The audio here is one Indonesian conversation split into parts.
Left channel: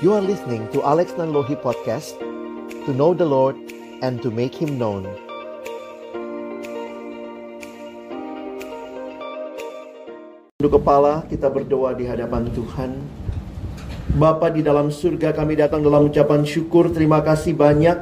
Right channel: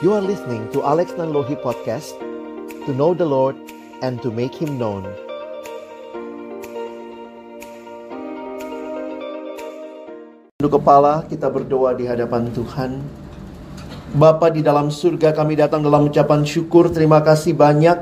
You are listening to Alex Nanlohi Podcast, to know the Lord and to make Him known. Tunduk kepala, kita berdoa di hadapan Tuhan. Bapa di dalam surga, kami datang dalam ucapan syukur. Terima kasih banyak,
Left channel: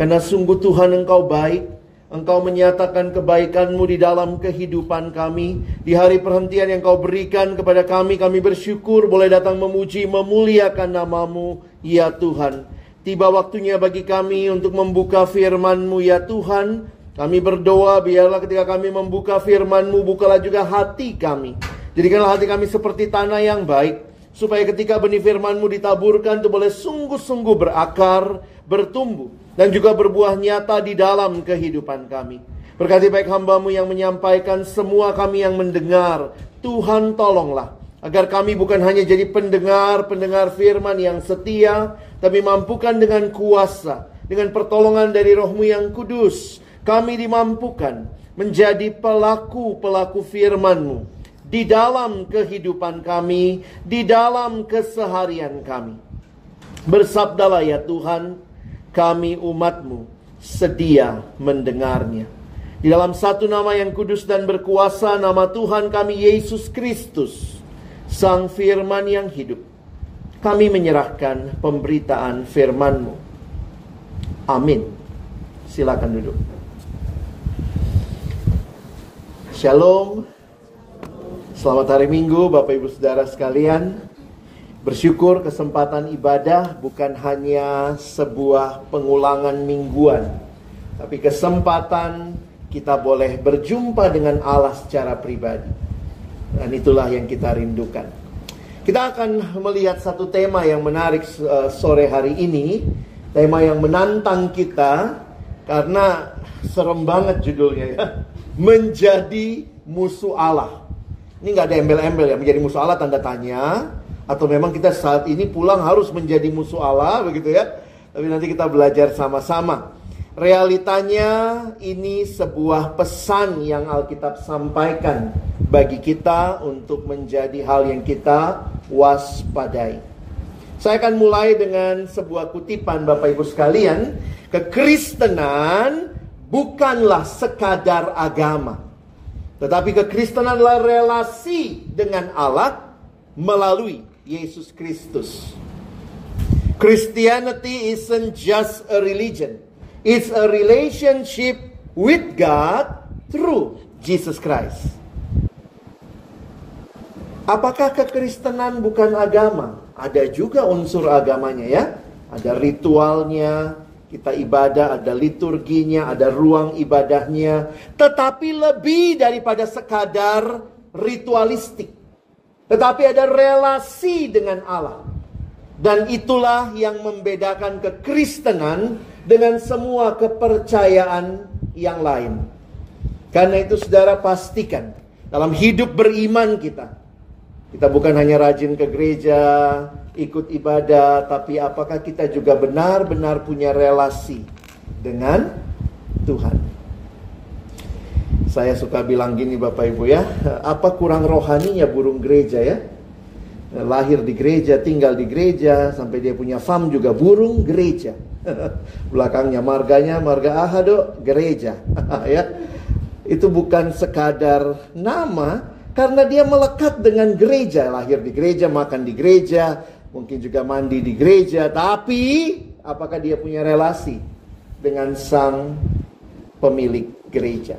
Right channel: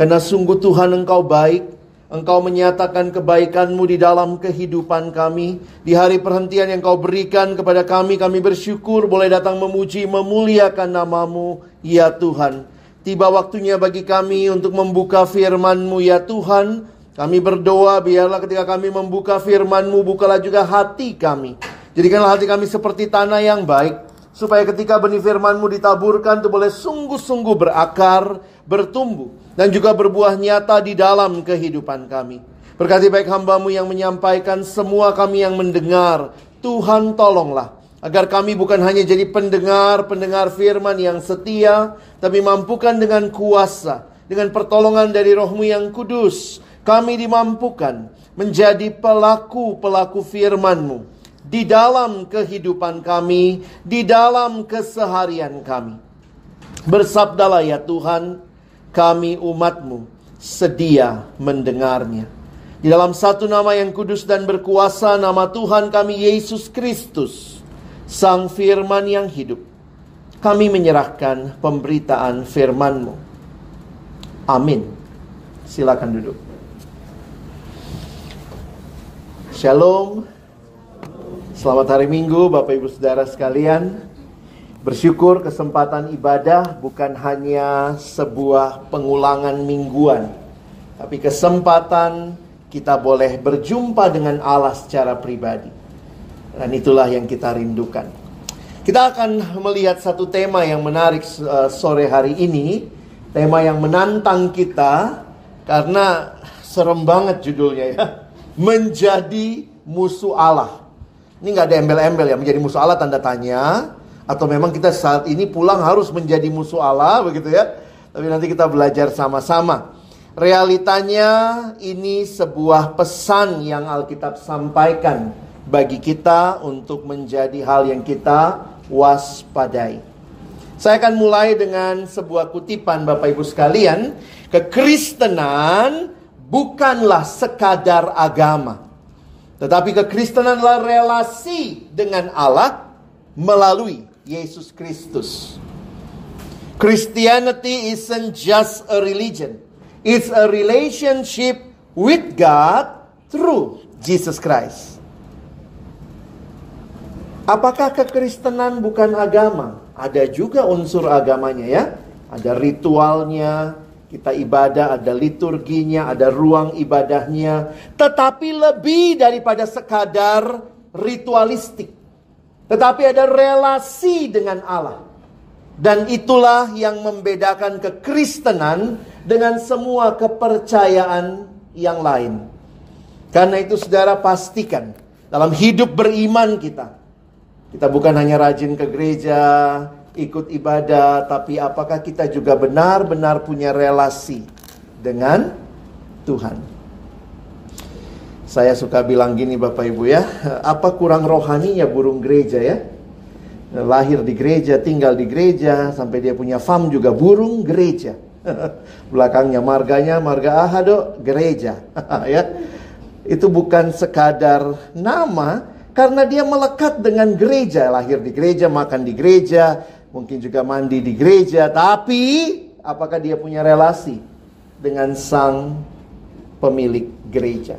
karena sungguh Tuhan Engkau baik. Engkau menyatakan kebaikan-Mu di dalam kehidupan kami. Di hari perhentian yang Kau berikan kepada kami bersyukur boleh datang memuji, memuliakan nama-Mu, ya Tuhan. Tiba waktunya bagi kami untuk membuka firman-Mu, ya Tuhan. Kami berdoa, biarlah ketika kami membuka firman-Mu, bukalah juga hati kami. Jadikanlah hati kami seperti tanah yang baik, supaya ketika benih firman-Mu ditaburkan, itu boleh sungguh-sungguh berakar, bertumbuh, dan juga berbuah nyata di dalam kehidupan kami. Berkati baik hamba-Mu yang menyampaikan, semua kami yang mendengar. Tuhan tolonglah, agar kami bukan hanya jadi pendengar firman yang setia, tapi mampukan dengan kuasa, dengan pertolongan dari Roh-Mu yang kudus, kami dimampukan menjadi pelaku-pelaku firman-Mu di dalam kehidupan kami, di dalam keseharian kami. Bersabdalah ya Tuhan, kami umat-Mu sedia mendengarnya. Di dalam satu nama yang kudus dan berkuasa, nama Tuhan kami Yesus Kristus, Sang Firman yang hidup, kami menyerahkan pemberitaan firman-Mu. Amin. Silakan duduk. Shalom. Selamat hari Minggu Bapak Ibu Saudara sekalian. Bersyukur kesempatan ibadah bukan hanya sebuah pengulangan mingguan, tapi kesempatan kita boleh berjumpa dengan Allah secara pribadi. Dan itulah yang kita rindukan. Kita akan melihat satu tema yang menarik sore hari ini. Tema yang menantang kita, karena serem banget judulnya ya. Menjadi musuh Allah. Ini gak ada embel-embel ya, menjadi musuh Allah tanda tanya. Atau memang kita saat ini pulang harus menjadi musuh Allah, begitu ya. Tapi nanti kita belajar sama-sama. Realitanya ini sebuah pesan yang Alkitab sampaikan bagi kita untuk menjadi hal yang kita waspadai. Saya akan mulai dengan sebuah kutipan Bapak Ibu sekalian. Kekristenan bukanlah sekadar agama, tetapi kekristenan adalah relasi dengan Allah melalui Yesus Kristus. Christianity isn't just a religion. It's a relationship with God through Jesus Christ. Apakah kekristenan bukan agama? Ada juga unsur agamanya ya. Ada ritualnya, kita ibadah, ada liturginya, ada ruang ibadahnya. Tetapi lebih daripada sekadar ritualistik. Tetapi ada relasi dengan Allah. Dan itulah yang membedakan kekristenan dengan semua kepercayaan yang lain. Karena itu saudara pastikan, dalam hidup beriman kita bukan hanya rajin ke gereja, ikut ibadah, tapi apakah kita juga benar-benar punya relasi dengan Tuhan. Saya suka bilang gini Bapak Ibu ya, apa kurang rohaninya burung gereja ya? Lahir di gereja, tinggal di gereja, sampai dia punya farm juga burung gereja. Belakangnya marganya, marga Ahado, gereja. Ya. Itu bukan sekadar nama, karena dia melekat dengan gereja. Lahir di gereja, makan di gereja, mungkin juga mandi di gereja. Tapi apakah dia punya relasi dengan sang pemilik gereja?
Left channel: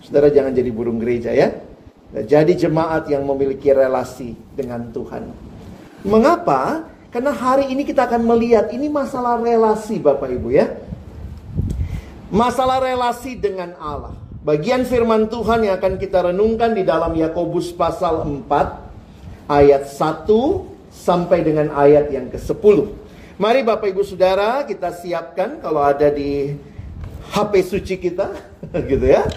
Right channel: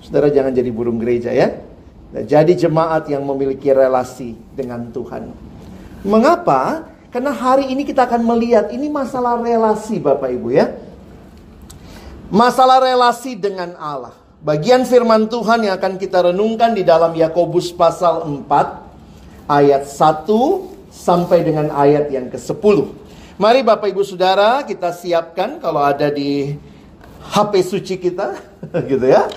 Saudara jangan jadi burung gereja ya. Jadi jemaat yang memiliki relasi dengan Tuhan. Mengapa? Karena hari ini kita akan melihat ini masalah relasi Bapak Ibu ya. Masalah relasi dengan Allah. Bagian firman Tuhan yang akan kita renungkan di dalam Yakobus pasal 4 ayat 1 sampai dengan ayat yang ke-10. Mari Bapak Ibu Saudara kita siapkan kalau ada di HP suci kita gitu ya.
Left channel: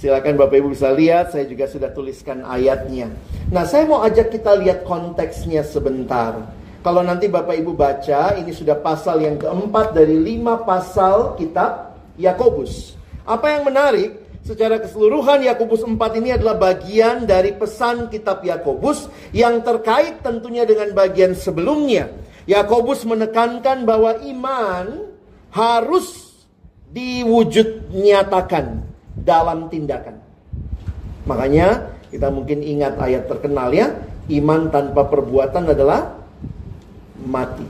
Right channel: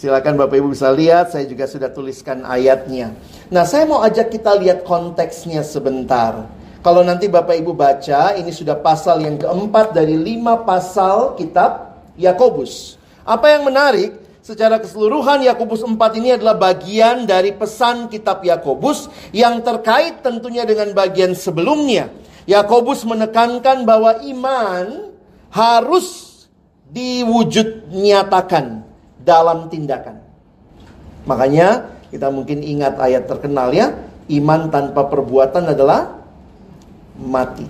Silakan Bapak Ibu bisa lihat, saya juga sudah tuliskan ayatnya. Nah, saya mau ajak kita lihat konteksnya sebentar. Kalau nanti Bapak Ibu baca, ini sudah pasal yang keempat dari 5 pasal kitab Yakobus. Apa yang menarik, secara keseluruhan Yakobus 4 ini adalah bagian dari pesan kitab Yakobus yang terkait tentunya dengan bagian sebelumnya. Yakobus menekankan bahwa iman harus diwujud nyatakan dalam tindakan. Makanya kita mungkin ingat ayat terkenal ya, iman tanpa perbuatan adalah mati.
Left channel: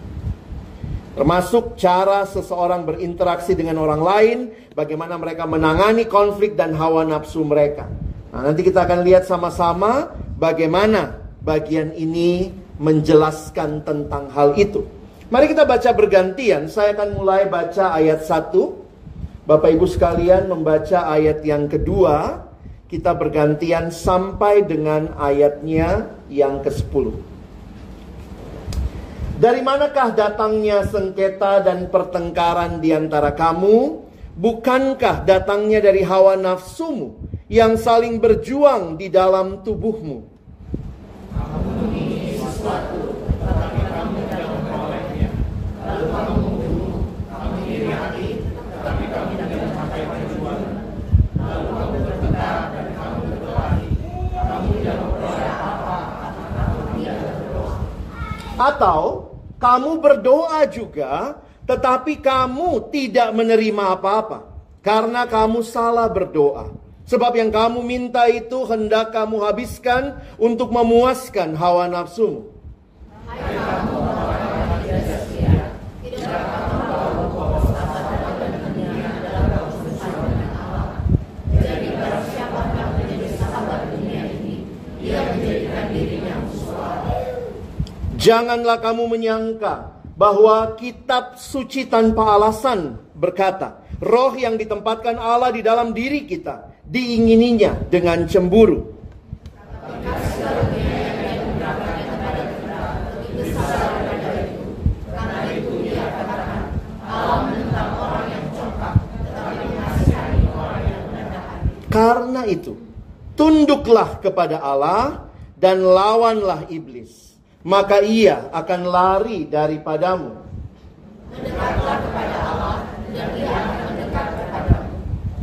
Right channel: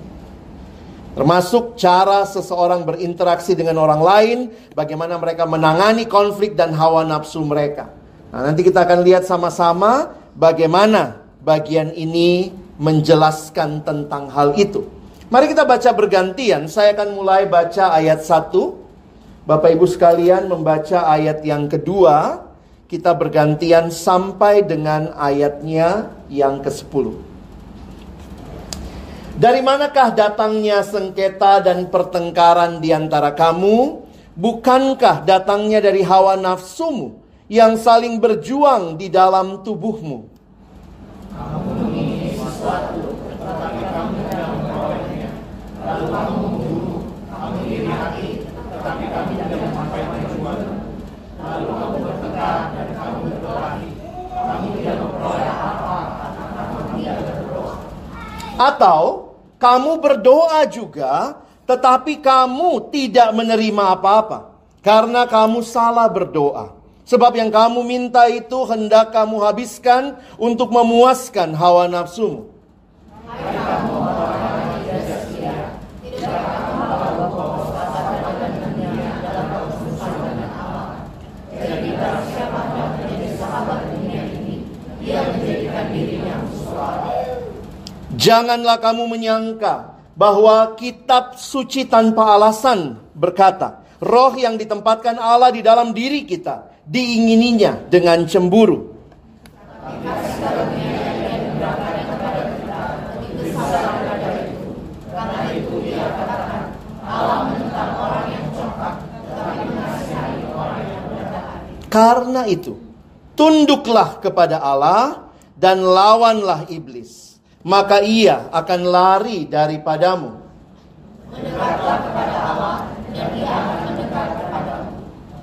Termasuk cara seseorang berinteraksi dengan orang lain, bagaimana mereka menangani konflik dan hawa nafsu mereka. Nah, nanti kita akan lihat sama-sama bagaimana bagian ini menjelaskan tentang hal itu. Mari kita baca bergantian. Saya akan mulai baca ayat 1. Bapak Ibu sekalian membaca ayat yang kedua. Kita bergantian sampai dengan ayatnya yang ke-10. Dari manakah datangnya sengketa dan pertengkaran di antara kamu? Bukankah datangnya dari hawa nafsumu yang saling berjuang di dalam tubuhmu? Atau kamu berdoa juga, tetapi kamu tidak menerima apa-apa, karena kamu salah berdoa. Sebab yang kamu minta itu hendak kamu habiskan untuk memuaskan hawa nafsumu. Janganlah kamu menyangka bahwa kitab suci tanpa alasan berkata, roh yang ditempatkan Allah di dalam diri kita diingininya dengan cemburu. Karena itu, tunduklah kepada Allah dan lawanlah iblis, maka ia akan lari daripadamu. Mendekatlah kepada Allah dan ia akan mendekat kepadamu.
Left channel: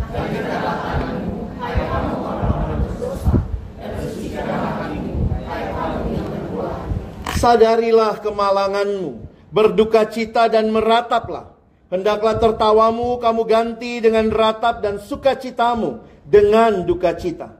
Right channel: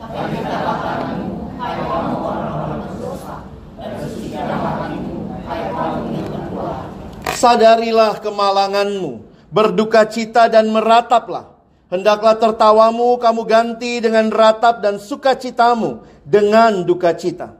Bangkitlah tanganmu, hai kamu orang-orang berdosa, dan bersihkanlah hatimu, hai kamu yang berdoa. Sadarilah kemalanganmu, berduka cita dan merataplah. Hendaklah tertawamu kamu ganti dengan ratap dan sukacitamu dengan duka cita.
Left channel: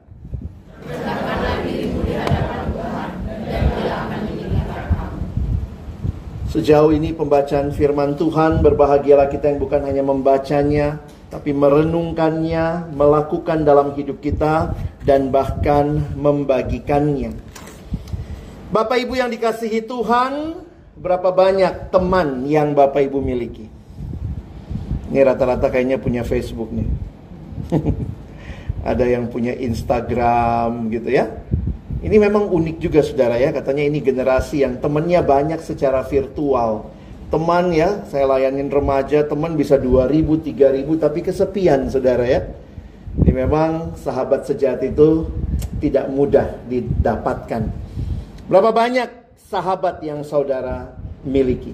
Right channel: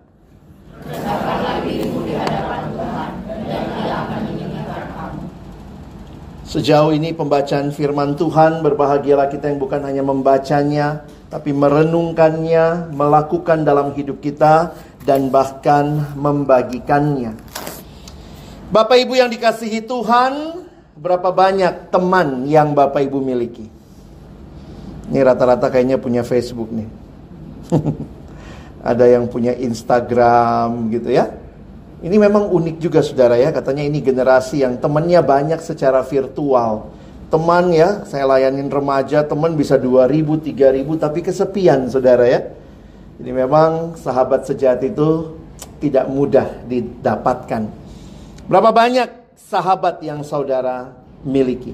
Sejauh ini pembacaan firman Tuhan, berbahagialah kita yang bukan hanya membacanya, tapi merenungkannya, melakukan dalam hidup kita, dan bahkan membagikannya. Bapak Ibu yang dikasihi Tuhan, berapa banyak teman yang Bapak Ibu miliki? Ini rata-rata kayaknya punya Facebook nih. Ada yang punya Instagram gitu ya. Ini memang unik juga saudara ya. Katanya ini generasi yang temannya banyak secara virtual. Teman ya, saya layanin remaja, teman bisa 2.000, 3.000 tapi kesepian saudara ya. Ini memang sahabat sejati itu tidak mudah didapatkan. Berapa banyak sahabat yang saudara miliki?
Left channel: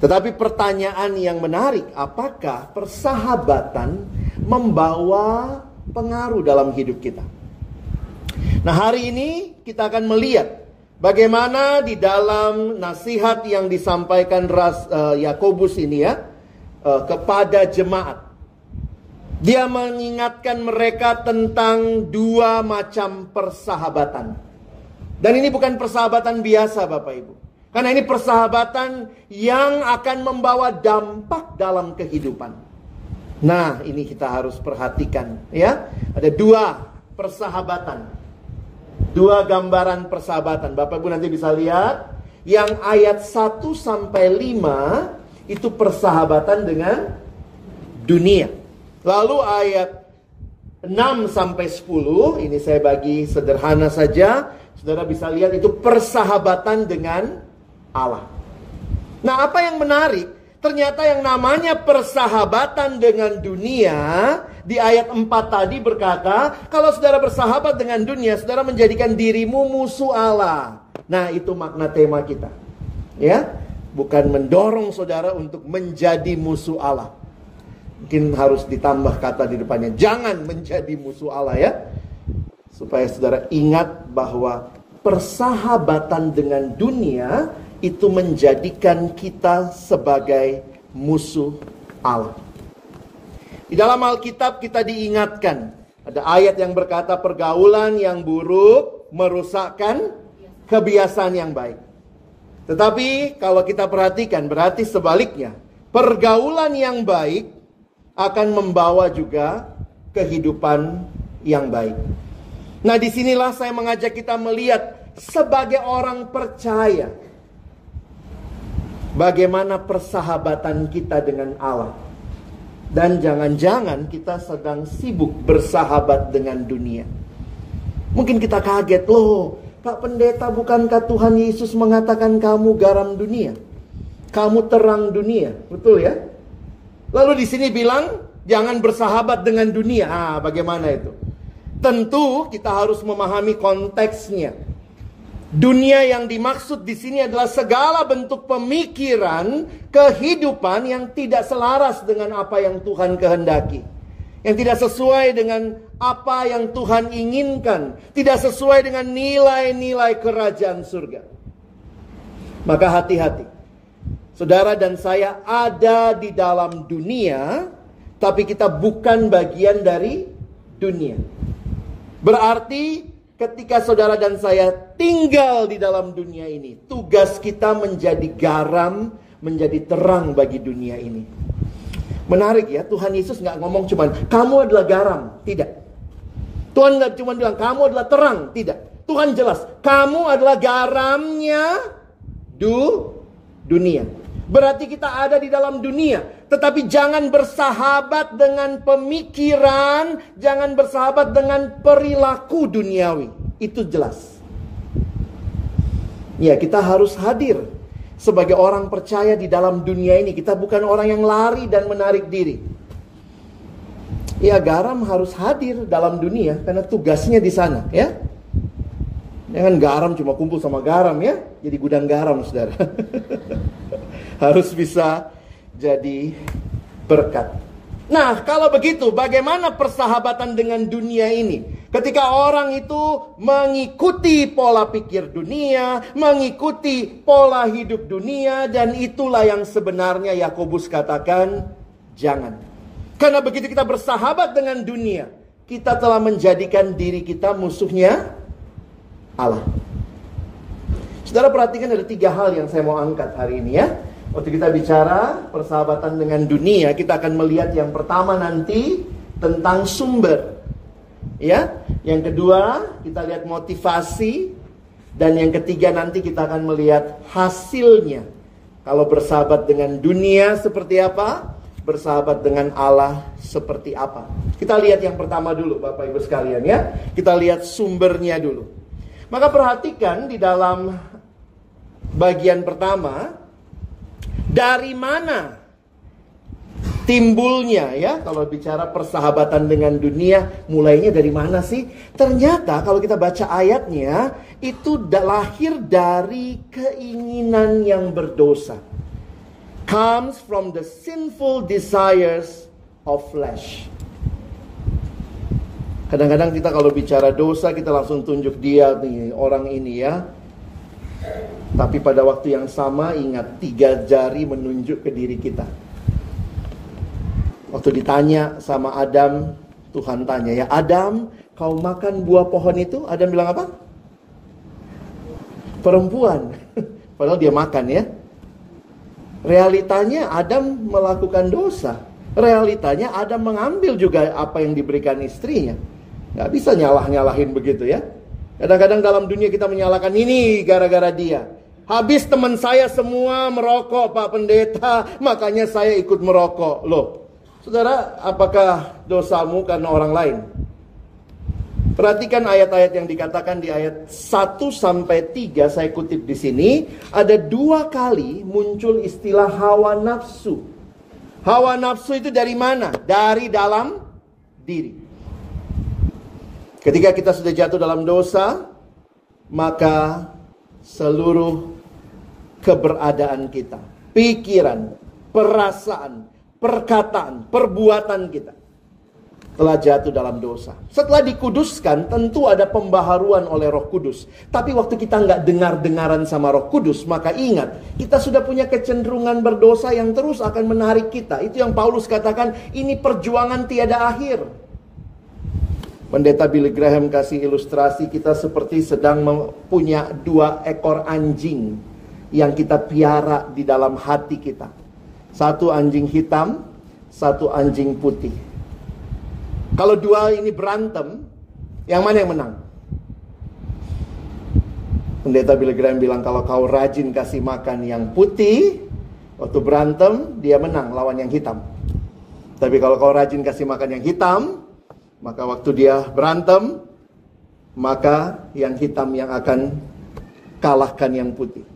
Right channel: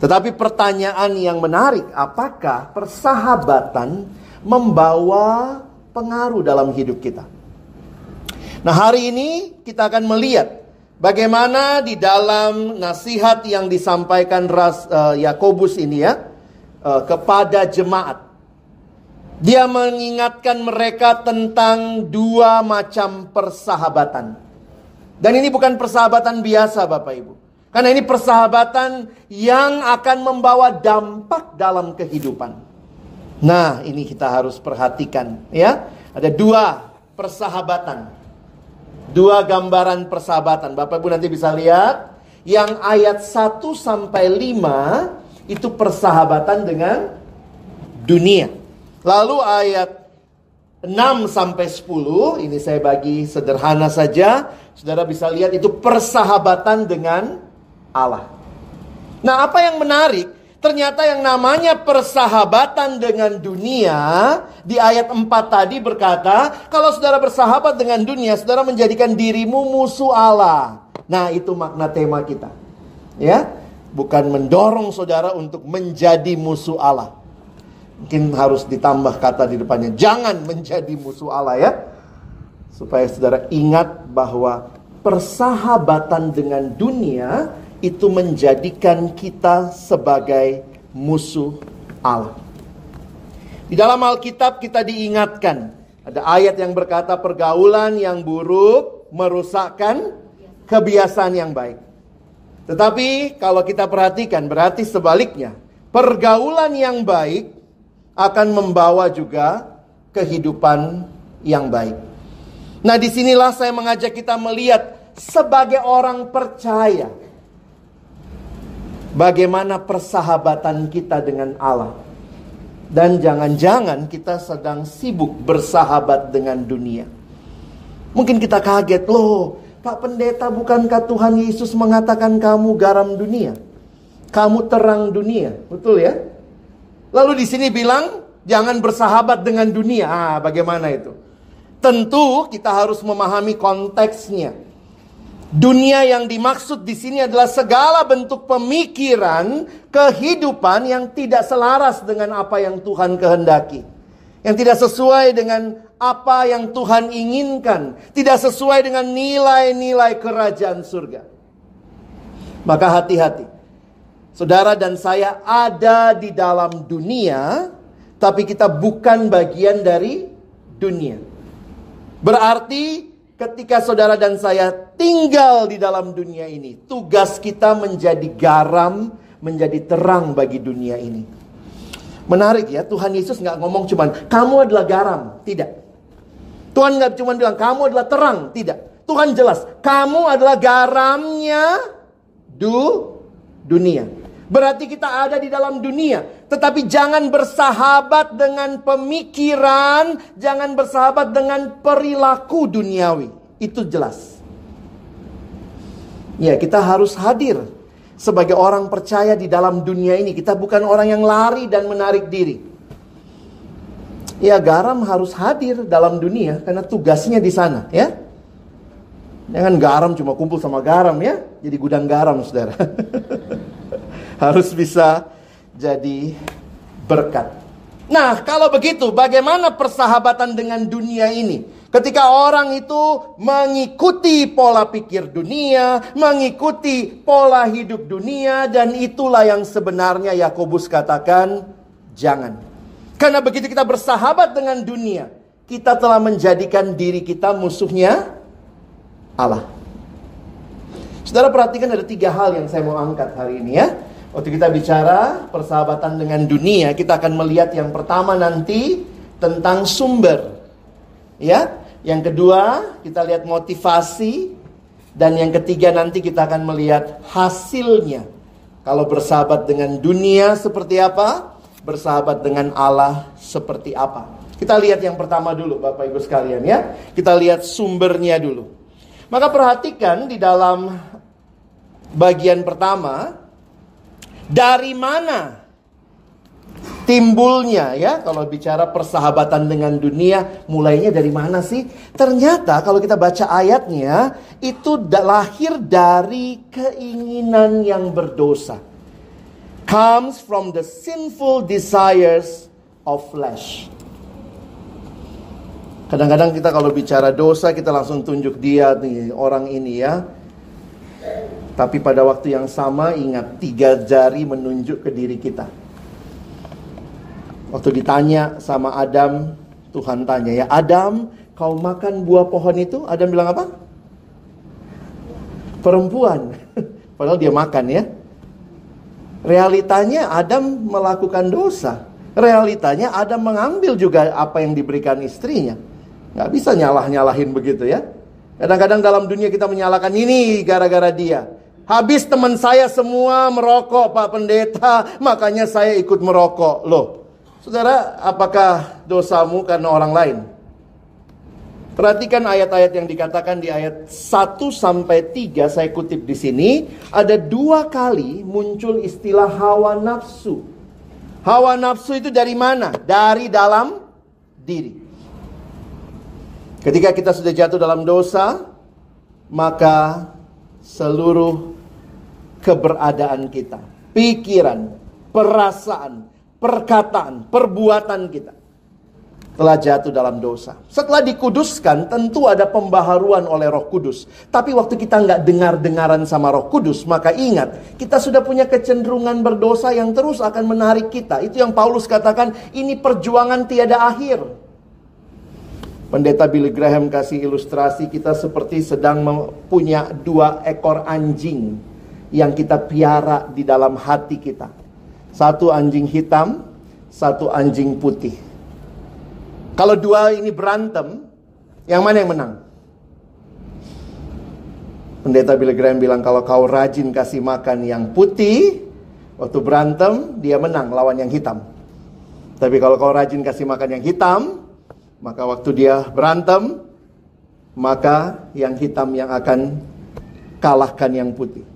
Tetapi pertanyaan yang menarik, apakah persahabatan membawa pengaruh dalam hidup kita? Nah, hari ini kita akan melihat bagaimana di dalam nasihat yang disampaikan Yakobus ini ya kepada jemaat. Dia mengingatkan mereka tentang dua macam persahabatan. Dan ini bukan persahabatan biasa Bapak Ibu. Karena ini persahabatan yang akan membawa dampak dalam kehidupan. Nah, ini kita harus perhatikan ya. Ada dua persahabatan. Dua gambaran persahabatan. Bapak Ibu nanti bisa lihat. Yang ayat 1 sampai 5 itu persahabatan dengan dunia. Lalu ayat 6 sampai 10, ini saya bagi sederhana saja. Saudara bisa lihat itu persahabatan dengan Allah. Nah, apa yang menarik? Ternyata yang namanya persahabatan dengan dunia di ayat 4 tadi berkata, kalau saudara bersahabat dengan dunia, saudara menjadikan dirimu musuh Allah. Nah, itu makna tema kita. Ya, bukan mendorong saudara untuk menjadi musuh Allah. Mungkin harus ditambah kata di depannya, jangan menjadi musuh Allah ya. Supaya saudara ingat bahwa persahabatan dengan dunia itu menjadikan kita sebagai musuh Allah. Di dalam Alkitab kita diingatkan, ada ayat yang berkata pergaulan yang buruk merusakkan kebiasaan yang baik. Tetapi kalau kita perhatikan, berarti sebaliknya, pergaulan yang baik akan membawa juga kehidupan yang baik. Nah, disinilah saya mengajak kita melihat sebagai orang percaya, bagaimana persahabatan kita dengan Allah. Dan jangan-jangan kita sedang sibuk bersahabat dengan dunia. Mungkin kita kaget, loh Pak Pendeta, bukankah Tuhan Yesus mengatakan kamu garam dunia? Kamu terang dunia, betul ya? Lalu di sini bilang, jangan bersahabat dengan dunia. Bagaimana itu? Tentu kita harus memahami konteksnya. Dunia yang dimaksud di sini adalah segala bentuk pemikiran, kehidupan yang tidak selaras dengan apa yang Tuhan kehendaki. Yang tidak sesuai dengan apa yang Tuhan inginkan. Tidak sesuai dengan nilai-nilai kerajaan surga. Maka hati-hati. Saudara dan saya ada di dalam dunia, tapi kita bukan bagian dari dunia. Berarti ketika saudara dan saya tinggal di dalam dunia ini, tugas kita menjadi garam, menjadi terang bagi dunia ini. Menarik ya, Tuhan Yesus gak ngomong cuman, kamu adalah garam. Tidak. Tuhan gak cuma bilang, kamu adalah terang. Tidak. Tuhan jelas, kamu adalah garamnya dunia. Berarti kita ada di dalam dunia. Tetapi jangan bersahabat dengan pemikiran, jangan bersahabat dengan perilaku duniawi. Itu jelas. Ya, kita harus hadir sebagai orang percaya di dalam dunia ini. Kita bukan orang yang lari dan menarik diri. Ya, garam harus hadir dalam dunia karena tugasnya di sana, ya. Jangan garam cuma kumpul sama garam, ya. Jadi gudang garam, saudara. Harus bisa jadi berkat. Nah, kalau begitu, bagaimana persahabatan dengan dunia ini? Ketika orang itu mengikuti pola pikir dunia, mengikuti pola hidup dunia, dan itulah yang sebenarnya Yakobus katakan, jangan. Karena begitu kita bersahabat dengan dunia, kita telah menjadikan diri kita musuhnya Allah. Saudara perhatikan ada 3 hal yang saya mau angkat hari ini ya. Waktu kita bicara persahabatan dengan dunia, kita akan melihat yang pertama nanti tentang sumber. Ya, yang kedua kita lihat motivasi, dan yang ketiga nanti kita akan melihat hasilnya. Kalau bersahabat dengan dunia seperti apa? Bersahabat dengan Allah seperti apa? Kita lihat yang pertama dulu Bapak Ibu sekalian ya. Kita lihat sumbernya dulu. Maka perhatikan di dalam bagian pertama, dari mana timbulnya ya, kalau bicara persahabatan dengan dunia, mulainya dari mana sih? Ternyata kalau kita baca ayatnya, itu lahir dari keinginan yang berdosa. Comes from the sinful desires of flesh. Kadang-kadang kita kalau bicara dosa, kita langsung tunjuk dia nih, orang ini ya. Tapi pada waktu yang sama ingat 3 jari menunjuk ke diri kita. Waktu ditanya sama Adam, Tuhan tanya, ya Adam, kau makan buah pohon itu? Adam bilang apa? Perempuan. Padahal dia makan ya. Realitanya Adam melakukan dosa. Realitanya Adam mengambil juga apa yang diberikan istrinya. Gak bisa nyalah-nyalahin begitu ya. Kadang-kadang dalam dunia kita menyalahkan ini gara-gara dia. Habis teman saya semua merokok Pak Pendeta, makanya saya ikut merokok. Loh, saudara, apakah dosamu karena orang lain? Perhatikan ayat-ayat yang dikatakan di ayat 1-3, saya kutip di sini. Ada 2 kali muncul istilah hawa nafsu. Hawa nafsu itu dari mana? Dari dalam diri. Ketika kita sudah jatuh dalam dosa, maka seluruh keberadaan kita, pikiran, perasaan, perkataan, perbuatan kita, telah jatuh dalam dosa. Setelah dikuduskan, tentu ada pembaharuan oleh Roh Kudus. Tapi waktu kita nggak dengar-dengaran sama Roh Kudus, maka ingat, kita sudah punya kecenderungan berdosa yang terus akan menarik kita. Itu yang Paulus katakan, ini perjuangan tiada akhir. Pendeta Billy Graham kasih ilustrasi kita seperti sedang punya 2 ekor anjing yang kita piara di dalam hati kita. Satu anjing hitam, satu anjing putih. Kalau 2 ini berantem, yang mana yang menang? Pendeta Billy Graham bilang, kalau kau rajin kasih makan yang putih, waktu berantem, dia menang lawan yang hitam. Tapi kalau kau rajin kasih makan yang hitam, maka waktu dia berantem, maka yang hitam yang akan kalahkan yang putih.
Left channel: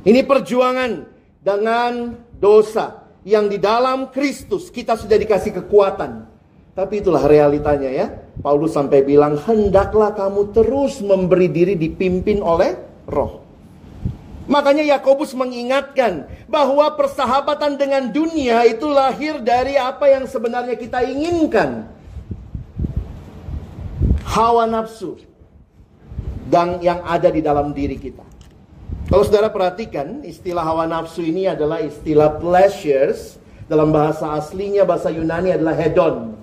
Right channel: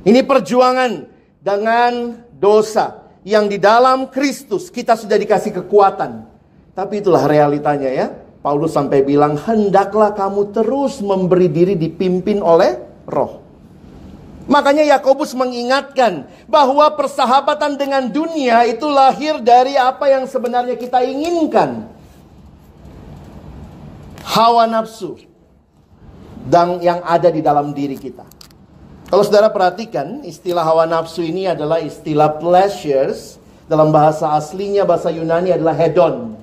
Ini perjuangan dengan dosa yang di dalam Kristus kita sudah dikasih kekuatan. Tapi itulah realitanya ya. Paulus sampai bilang, hendaklah kamu terus memberi diri dipimpin oleh Roh. Makanya Yakobus mengingatkan bahwa persahabatan dengan dunia itu lahir dari apa yang sebenarnya kita inginkan. Hawa nafsu dan yang ada di dalam diri kita. Kalau saudara perhatikan, istilah hawa nafsu ini adalah istilah pleasures. Dalam bahasa aslinya, bahasa Yunani adalah hedon.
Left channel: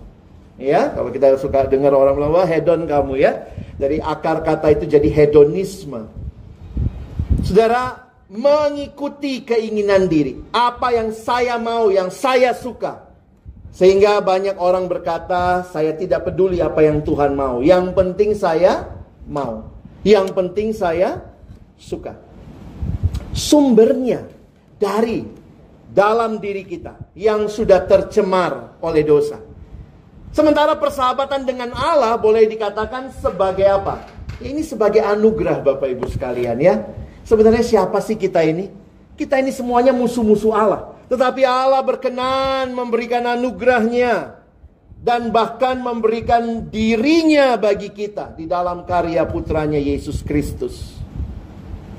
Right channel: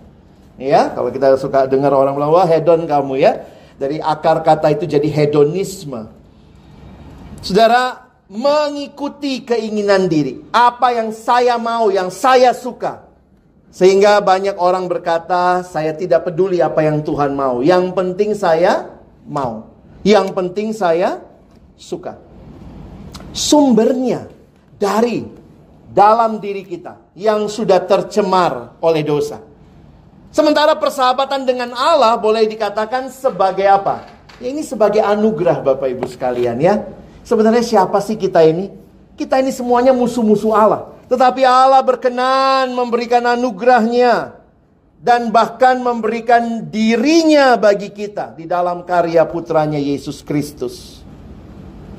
Ya, kalau kita suka dengar orang bilang, wah hedon kamu ya. Dari akar kata itu jadi hedonisme. Saudara, mengikuti keinginan diri. Apa yang saya mau, yang saya suka. Sehingga banyak orang berkata, saya tidak peduli apa yang Tuhan mau. Yang penting saya mau. Yang penting saya suka. Sumbernya dari dalam diri kita yang sudah tercemar oleh dosa. Sementara persahabatan dengan Allah boleh dikatakan sebagai apa? Ini sebagai anugerah Bapak Ibu sekalian ya. Sebenarnya siapa sih kita ini? Kita ini semuanya musuh-musuh Allah. Tetapi Allah berkenan memberikan anugerahnya. Dan bahkan memberikan dirinya bagi kita di dalam karya putranya Yesus Kristus.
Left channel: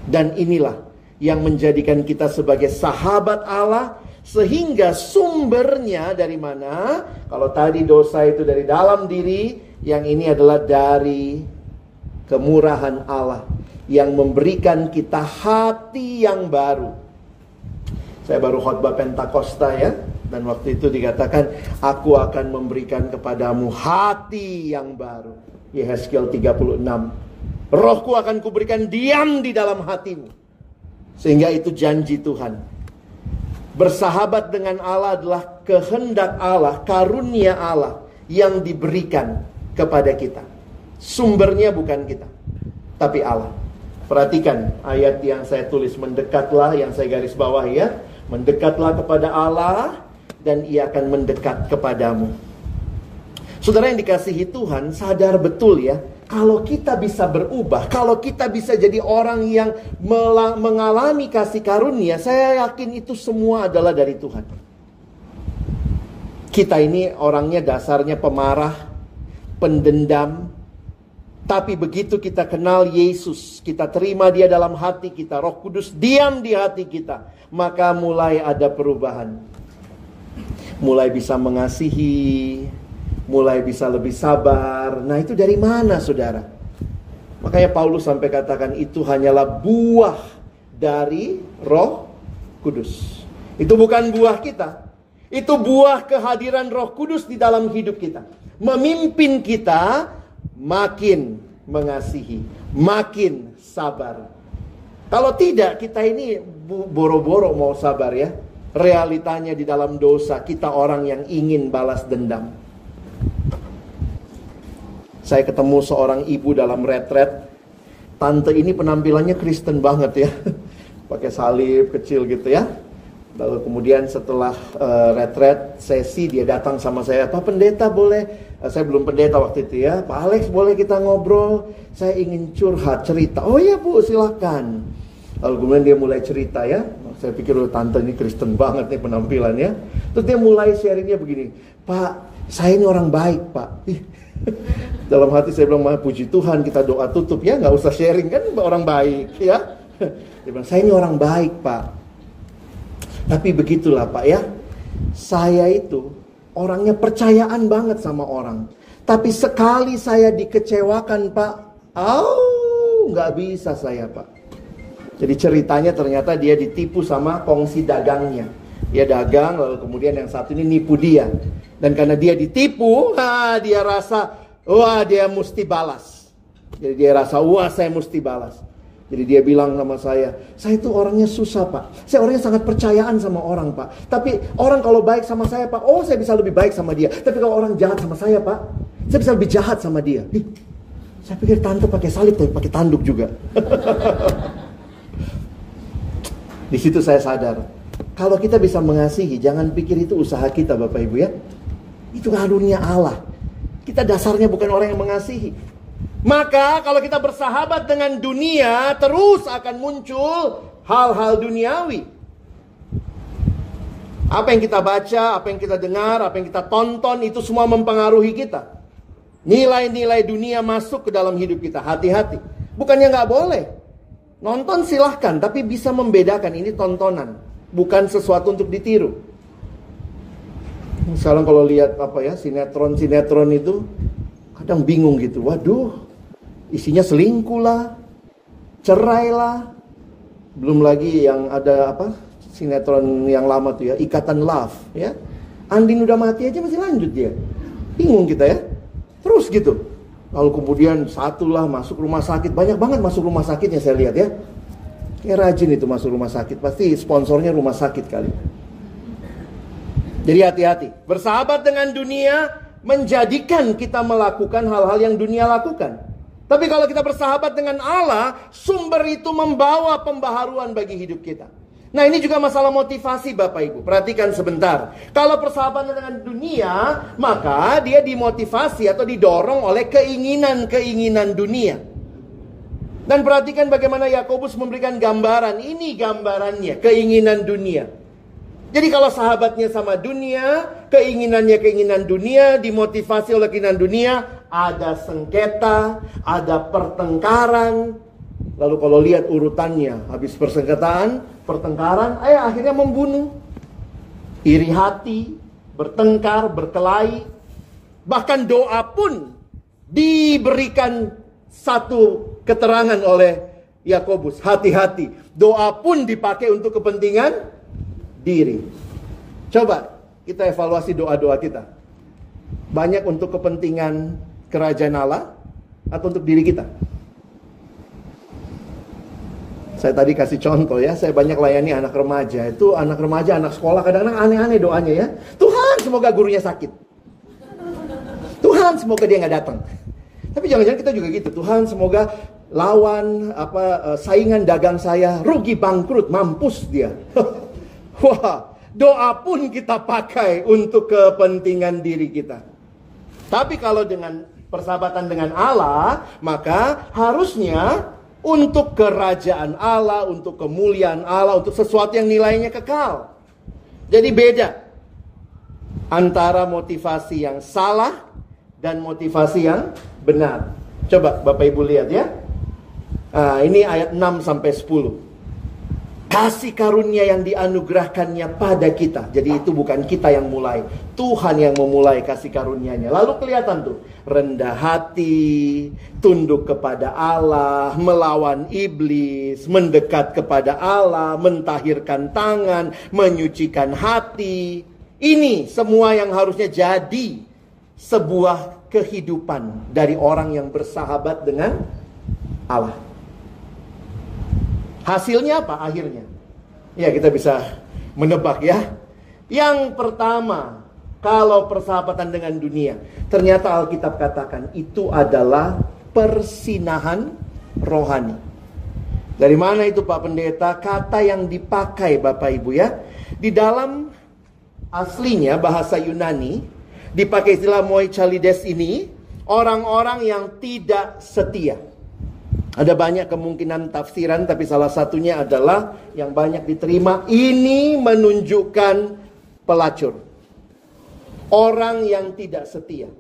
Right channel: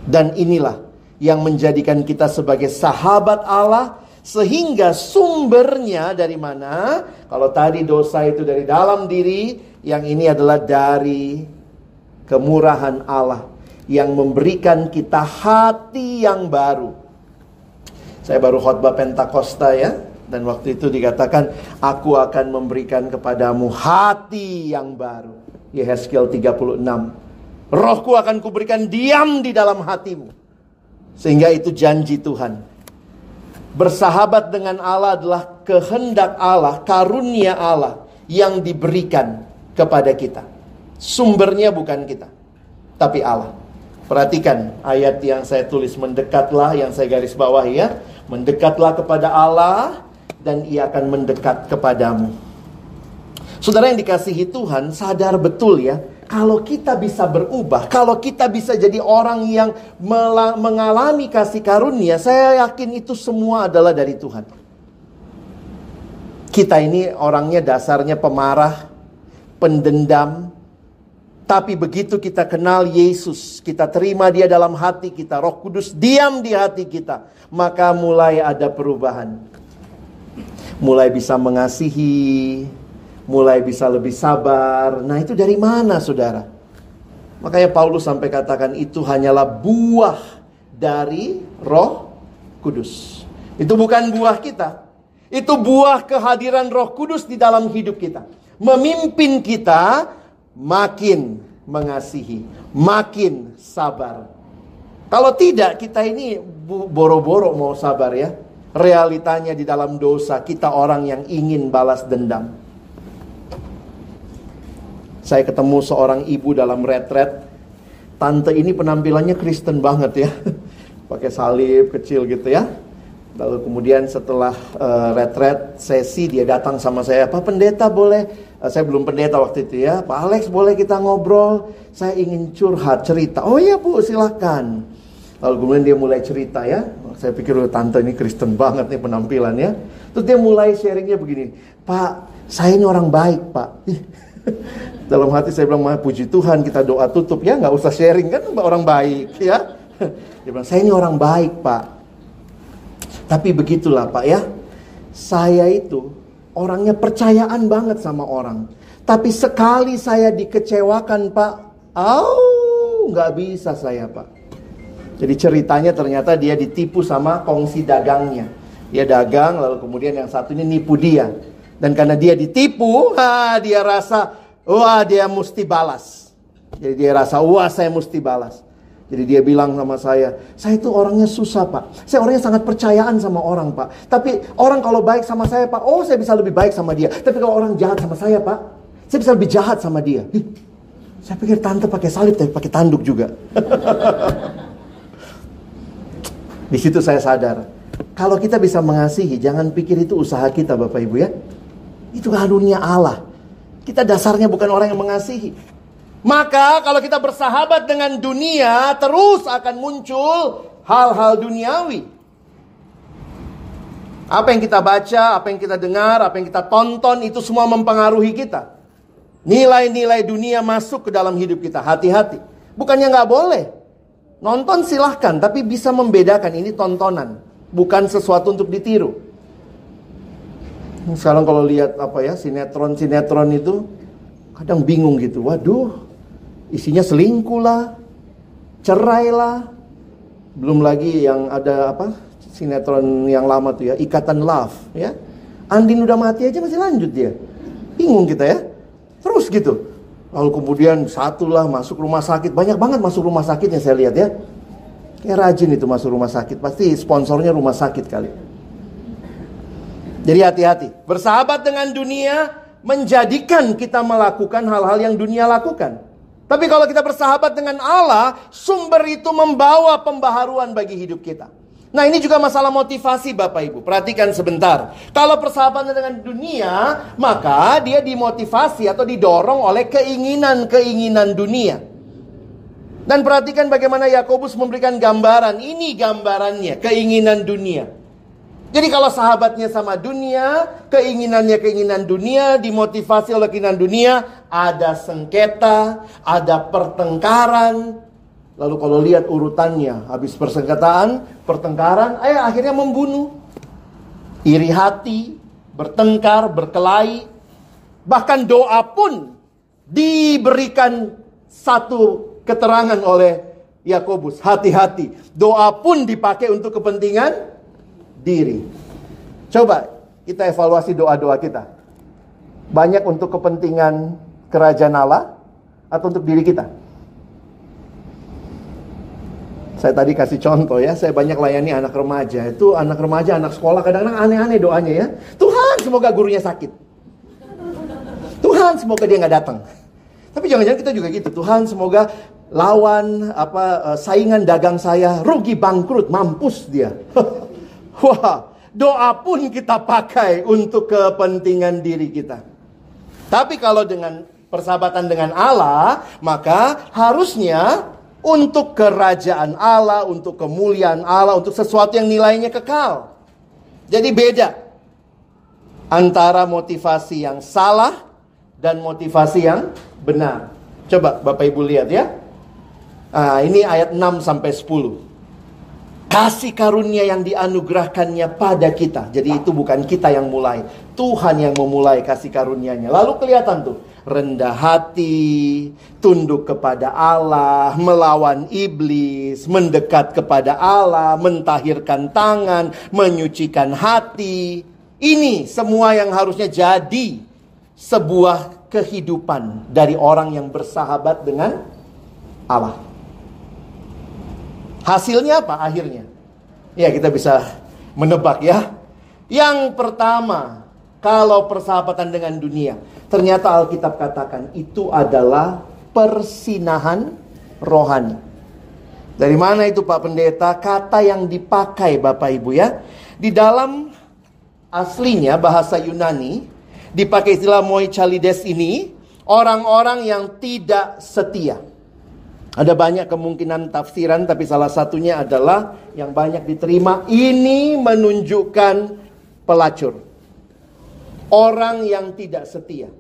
Dan inilah yang menjadikan kita sebagai sahabat Allah. Sehingga sumbernya dari mana? Kalau tadi dosa itu dari dalam diri, yang ini adalah dari kemurahan Allah yang memberikan kita hati yang baru. Saya baru khotbah Pentakosta ya, dan waktu itu dikatakan, aku akan memberikan kepadamu hati yang baru. Yehezkiel 36. Rohku akan kuberikan diam di dalam hatimu. Sehingga itu janji Tuhan. Bersahabat dengan Allah adalah kehendak Allah, karunia Allah yang diberikan kepada kita. Sumbernya bukan kita, tapi Allah. Perhatikan ayat yang saya tulis, mendekatlah, yang saya garis bawah ya. Mendekatlah kepada Allah dan Ia akan mendekat kepadamu. Saudara yang dikasihi Tuhan, sadar betul ya, kalau kita bisa berubah, kalau kita bisa jadi orang yang mengalami kasih karunia, saya yakin itu semua adalah dari Tuhan. Kita ini orangnya dasarnya pemarah, pendendam. Tapi begitu kita kenal Yesus, kita terima Dia dalam hati kita, Roh Kudus diam di hati kita, maka mulai ada perubahan. Mulai bisa mengasihi, mulai bisa lebih sabar. Nah itu dari mana saudara? Makanya Paulus sampai katakan itu hanyalah buah dari Roh Kudus. Itu bukan buah kita. Itu buah kehadiran Roh Kudus di dalam hidup kita. Memimpin kita makin mengasihi, makin sabar. Kalau tidak, kita ini boro-boro mau sabar ya. Realitanya di dalam dosa, kita orang yang ingin balas dendam. Saya ketemu seorang ibu dalam retret. Tante ini penampilannya Kristen banget ya. Pakai salib kecil gitu ya. Lalu kemudian setelah retret sesi, dia datang sama saya, Pak Pendeta boleh, saya belum pendeta waktu itu ya, Pak Alex boleh kita ngobrol, saya ingin curhat, cerita. Oh iya Bu, silakan. Lalu kemudian dia mulai cerita ya. Saya pikir tante ini Kristen banget nih penampilannya. Terus dia mulai sharingnya begini, Pak saya ini orang baik Pak. Dalam hati saya bilang, puji Tuhan, kita doa tutup ya, nggak usah sharing kan orang baik ya. Dia bilang, saya ini orang baik Pak. Tapi begitulah Pak ya, saya itu orangnya percayaan banget sama orang. Tapi sekali saya dikecewakan, Pak, nggak bisa saya, Pak. Jadi ceritanya ternyata dia ditipu sama kongsi dagangnya. Dia dagang, lalu kemudian yang satu ini nipu dia. Dan karena dia ditipu, dia rasa, wah dia mesti balas. Jadi dia rasa, wah saya mesti balas. Jadi dia bilang sama saya itu orangnya susah, Pak. Saya orangnya sangat percayaan sama orang, Pak. Tapi orang kalau baik sama saya, Pak, saya bisa lebih baik sama dia. Tapi kalau orang jahat sama saya, Pak, saya bisa lebih jahat sama dia. Saya pikir tante pakai salib, tapi pakai tanduk juga. Di situ saya sadar, kalau kita bisa mengasihi, jangan pikir itu usaha kita, Bapak Ibu ya. Itu karunia Allah. Kita dasarnya bukan orang yang mengasihi. Maka kalau kita bersahabat dengan dunia, terus akan muncul hal-hal duniawi. Apa yang kita baca, apa yang kita dengar, apa yang kita tonton, itu semua mempengaruhi kita. Nilai-nilai dunia masuk ke dalam hidup kita. Hati-hati. Bukannya nggak boleh. Nonton silahkan, tapi bisa membedakan ini tontonan, bukan sesuatu untuk ditiru. Sekarang kalau lihat sinetron itu, kadang bingung gitu. Waduh, isinya selingkuh lah, cerai lah. Belum lagi yang ada sinetron yang lama tuh ya, Ikatan Love ya. Andin udah mati aja masih lanjut dia. Bingung kita ya. Terus gitu. Lalu kemudian satulah masuk rumah sakit. Banyak banget masuk rumah sakitnya saya lihat ya. Kayak rajin itu masuk rumah sakit. Pasti sponsornya rumah sakit kali. Jadi hati-hati. Bersahabat dengan dunia menjadikan kita melakukan hal-hal yang dunia lakukan. Tapi kalau kita bersahabat dengan Allah, sumber itu membawa pembaharuan bagi hidup kita. Nah, ini juga masalah motivasi Bapak Ibu. Perhatikan sebentar. Kalau persahabatan dengan dunia, maka dia dimotivasi atau didorong oleh keinginan-keinginan dunia. Dan perhatikan bagaimana Yakobus memberikan gambaran. Ini gambarannya, keinginan dunia. Jadi kalau sahabatnya sama dunia, keinginannya keinginan dunia, dimotivasi oleh keinginan dunia, ada sengketa, ada pertengkaran. Lalu kalau lihat urutannya, habis pertengkaran, akhirnya membunuh. Iri hati, bertengkar, berkelahi. Bahkan doa pun diberikan satu keterangan oleh Yakobus. Hati-hati, doa pun dipakai untuk kepentingan diri. Coba kita evaluasi doa-doa kita. Banyak untuk kepentingan kerajaan Allah atau untuk diri kita? Saya tadi kasih contoh ya, saya banyak layani anak remaja. Itu anak remaja, anak sekolah kadang-kadang aneh-aneh doanya ya. Tuhan semoga gurunya sakit. Tuhan semoga dia nggak datang. Tapi jangan-jangan kita juga gitu. Tuhan semoga lawan saingan dagang saya rugi bangkrut, mampus dia. Wah, doa pun kita pakai untuk kepentingan diri kita. Tapi kalau dengan persahabatan dengan Allah, maka harusnya untuk kerajaan Allah, untuk kemuliaan Allah, untuk sesuatu yang nilainya kekal. Jadi beda antara motivasi yang salah dan motivasi yang benar. Coba Bapak Ibu lihat ya. Ini ayat 6-10. Kasih karunia yang dianugerahkannya pada kita. Jadi itu bukan kita yang mulai, Tuhan yang memulai kasih karunia-Nya. Lalu kelihatan tuh, rendah hati, tunduk kepada Allah, melawan iblis, mendekat kepada Allah, mentahirkan tangan, menyucikan hati. Ini semua yang harusnya jadi sebuah kehidupan dari orang yang bersahabat dengan Allah. Hasilnya apa akhirnya? Ya, kita bisa menebak ya. Yang pertama, kalau persahabatan dengan dunia, ternyata Alkitab katakan itu adalah persinahan rohani. Dari mana itu Pak Pendeta? Kata yang dipakai Bapak Ibu ya. Di dalam aslinya bahasa Yunani dipakai istilah moichalides ini, orang-orang yang tidak setia. Ada banyak kemungkinan tafsiran, tapi salah satunya adalah yang banyak diterima. Ini menunjukkan pelacur, orang yang tidak setia.